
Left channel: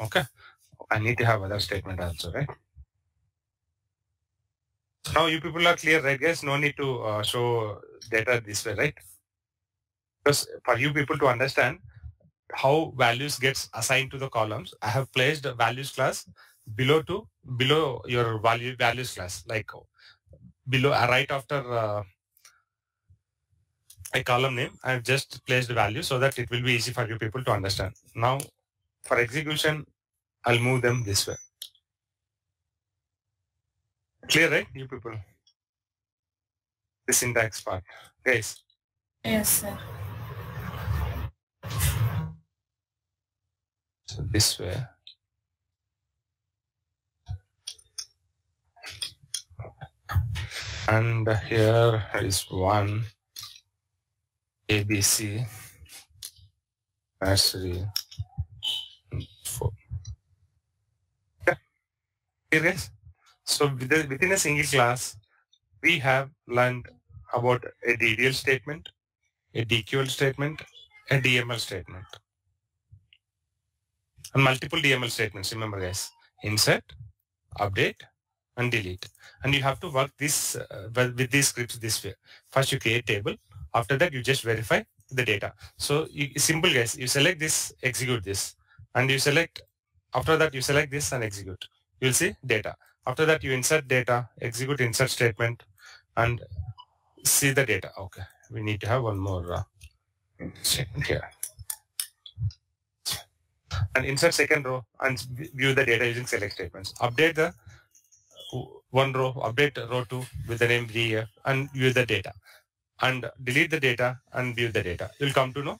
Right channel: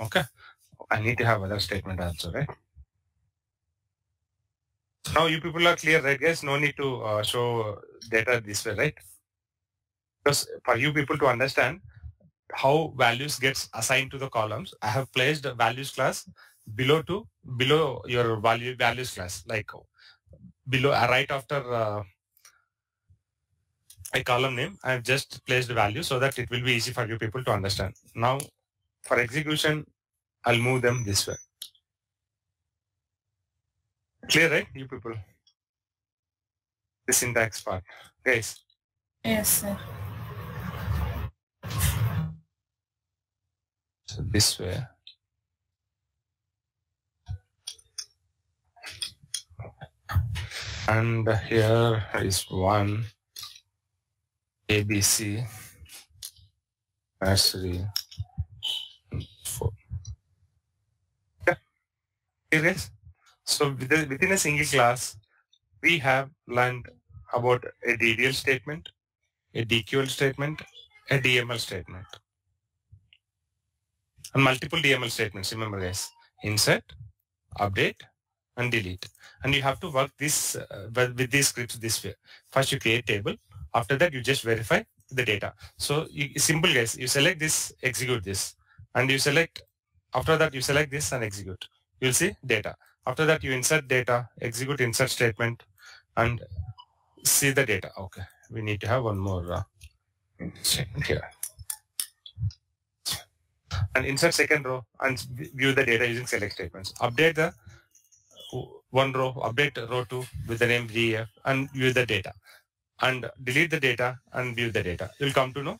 Okay. I need to have other statement also, right? Now you people are clear, right guys? No need to show data this way, right? Because for you people to understand how values gets assigned to the columns, I have placed a values class below your values class, like below right after a column name. I have just placed the value so that it will be easy for you people to understand. Now for execution, I'll move them this way. Clear, right, you people? The syntax part, guys. Yes, sir. So this way. And here is one ABC nursery 4. Okay. Here guys. So within a single class, we have learned about a DDL statement, a DQL statement, a DML statement, and multiple DML statements. Remember guys, insert, update, and delete. And you have to work this with these scripts this way. First you create table. After that you just verify the data. So simple guys, you select this, execute this, and you select, after that you select this and execute. You'll see data. After that you insert data, execute insert statement, and see the data. Okay, we need to have one more statement here. And insert second row and view the data using select statements. Update the one row, update row 2 with the name VF and view the data. And delete the data and view the data. You'll come to know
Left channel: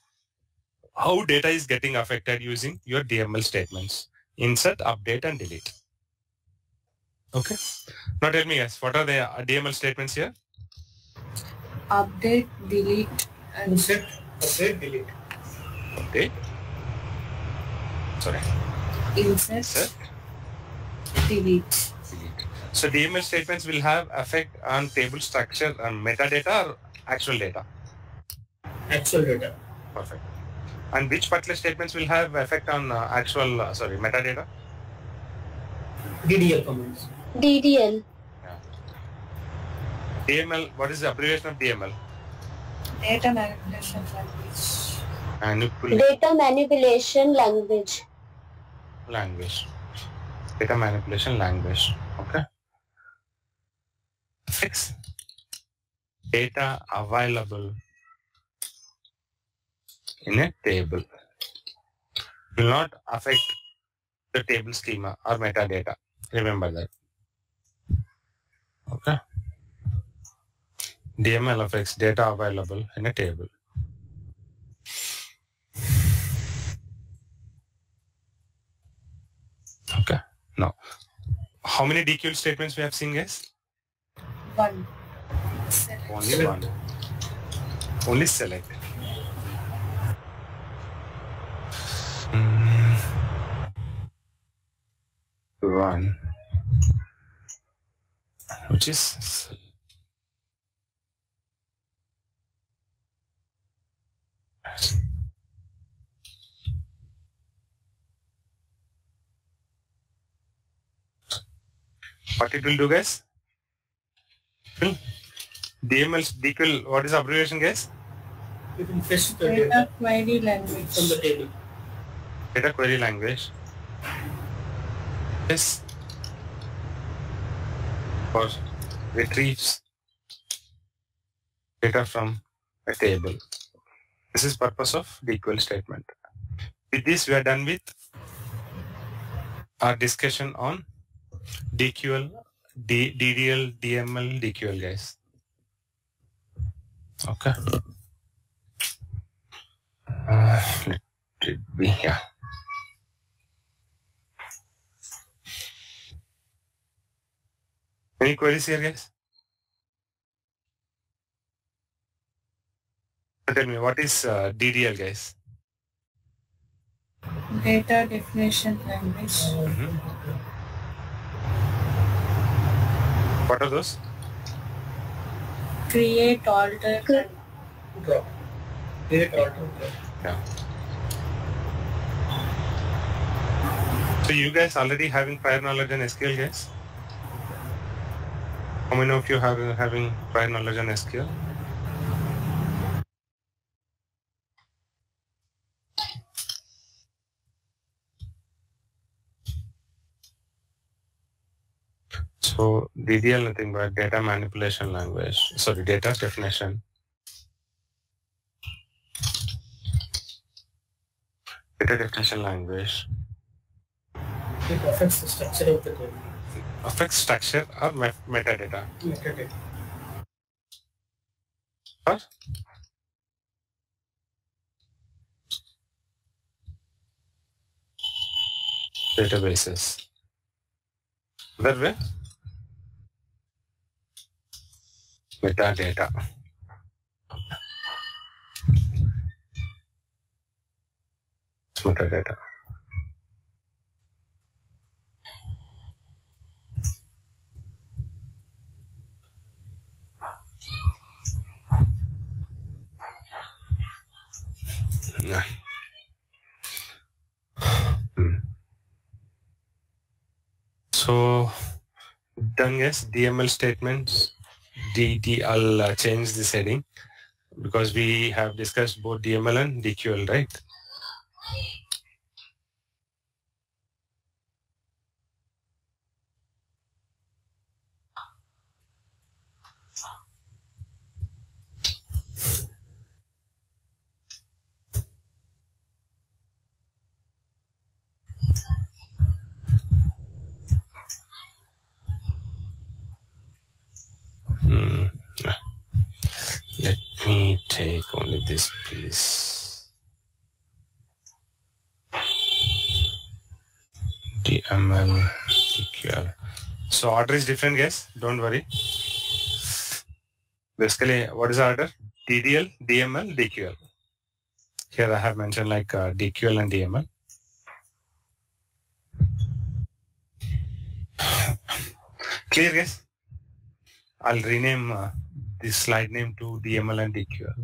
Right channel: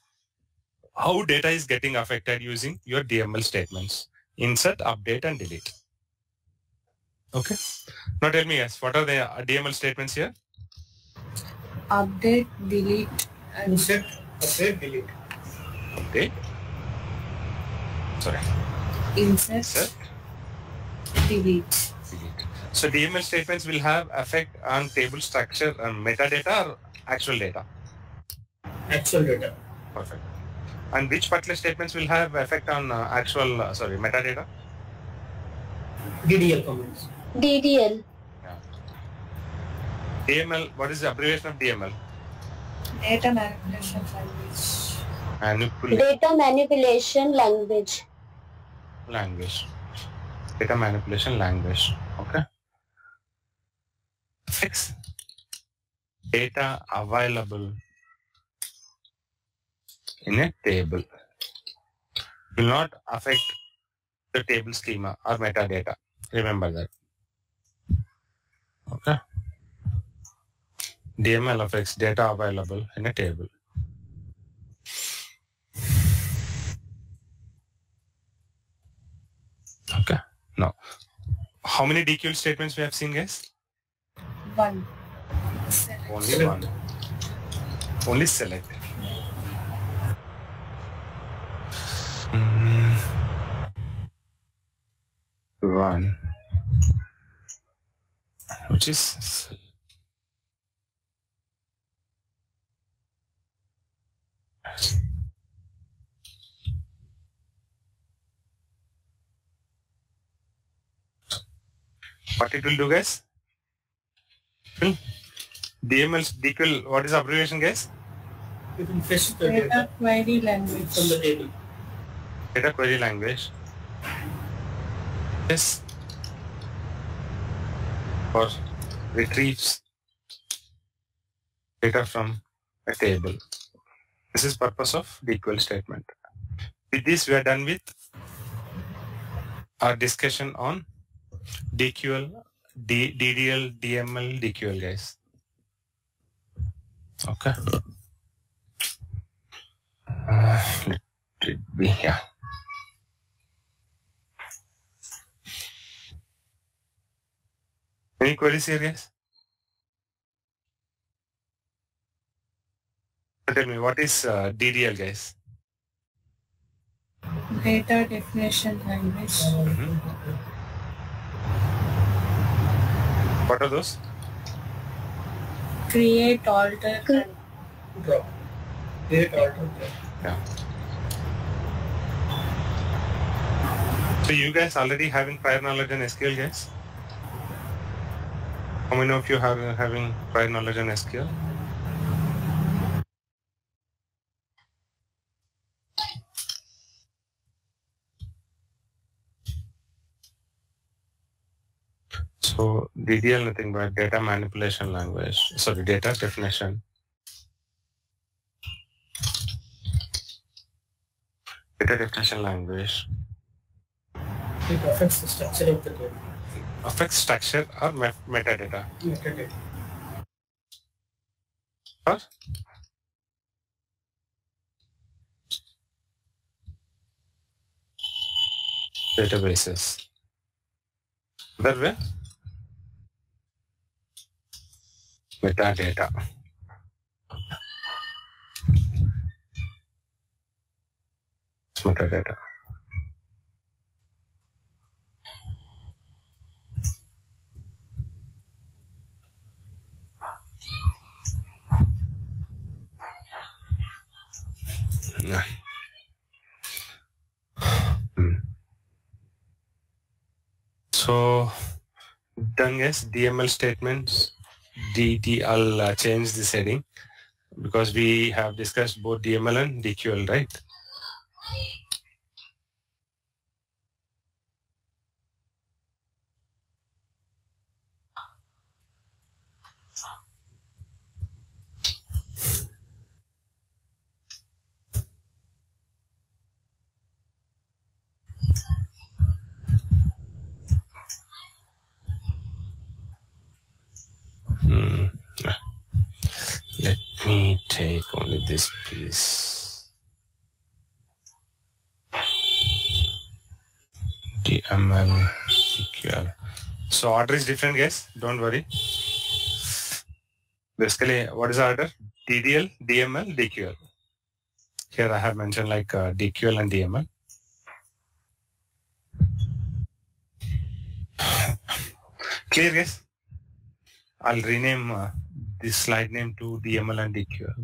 how data is getting affected using your DML statements. Insert, update, and delete. Okay. Now tell me guys, what are the DML statements here? Update, delete, and Insert, update, delete. Update. Sorry. insert, delete. So DML statements will have effect on table structure and metadata or actual data? Actual data. Perfect. And which particular statements will have effect on metadata? DDL comments. DDL. DML, what is the abbreviation of DML? Data manipulation language. Data manipulation language. Data manipulation language. Okay. Fix data available in a table. Will not affect the table schema or metadata. Remember that. Okay. DML affects data available in a table. Okay. Now, how many DQL statements we have seen, guys? One. Only one. Only select. One. Which is what it will do, guys? DML, DQL, what is the abbreviation, guys? You can fetch the Data data query language. from the table. Data query language. Yes. Or retrieves data from a table. This is purpose of DQL statement. With this, we are done with our discussion on DQL, DDL, DML, DQL, guys. Okay. Let it be here. Any queries here, guys? Tell me, what is DDL, guys? Data definition language. What are those? Create, alter, and Drop. Create, alter, drop. Yeah. So you guys already having prior knowledge on SQL, guys? How many of you have having prior knowledge on SQL? So DDL nothing but data manipulation language. Sorry, data definition. Data definition language. It affects the structure of the table. Affects structure or metadata. Metadata. Or databases. That way? Metadata. It's metadata. Yeah. So done, guys. DML statements. I'll change this heading because we have discussed both DML and DQL, right? Let me take only this piece. DML, DQL. So order is different, guys. Don't worry. Basically, what is the order? DDL, DML, DQL. Here I have mentioned like DQL and DML. Clear, guys? I'll rename this slide name to DML and DQL.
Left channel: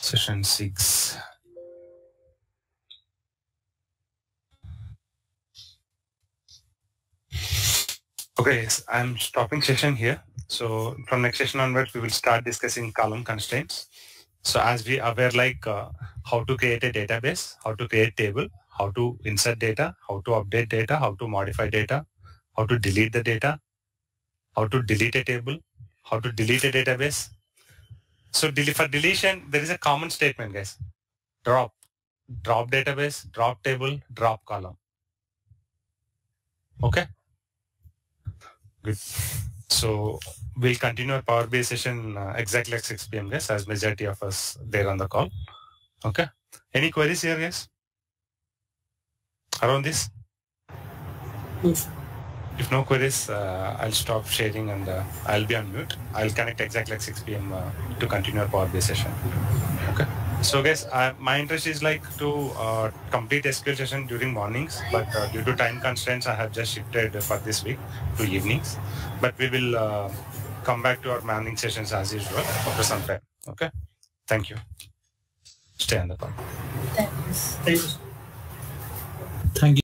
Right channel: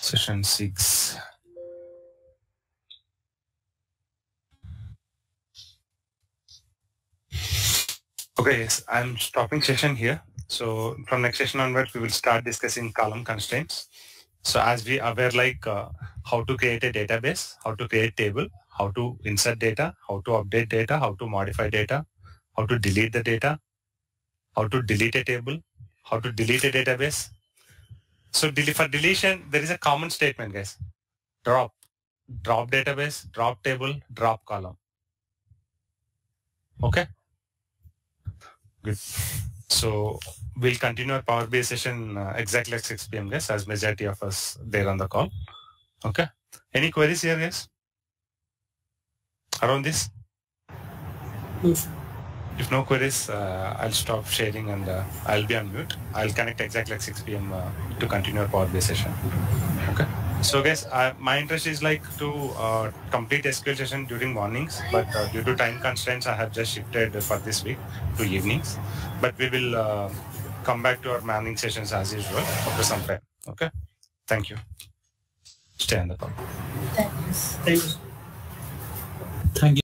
Session 6. Okay, yes, I'm stopping session here. So from next session onwards, we will start discussing column constraints. So as we are aware, like how to create a database, how to create table, how to insert data, how to update data, how to modify data, how to delete the data, how to delete a table, how to delete a database. So for deletion, there is a common statement, guys. Drop database, drop table, drop column. Okay. Good. So we'll continue our Power BI session exactly at 6 p.m. guys, as majority of us there on the call. Okay. Any queries here, guys? Around this? Yes. If no queries, I'll stop sharing and I'll be on mute. I'll connect exactly at 6 p.m. To continue our Power BI session. Okay. So guys, my interest is like to complete SQL session during mornings, but due to time constraints, I have just shifted for this week to evenings. But we will come back to our morning sessions as usual after some time. Okay. Thank you. Stay on the call. thanks. Thank you. Thank you.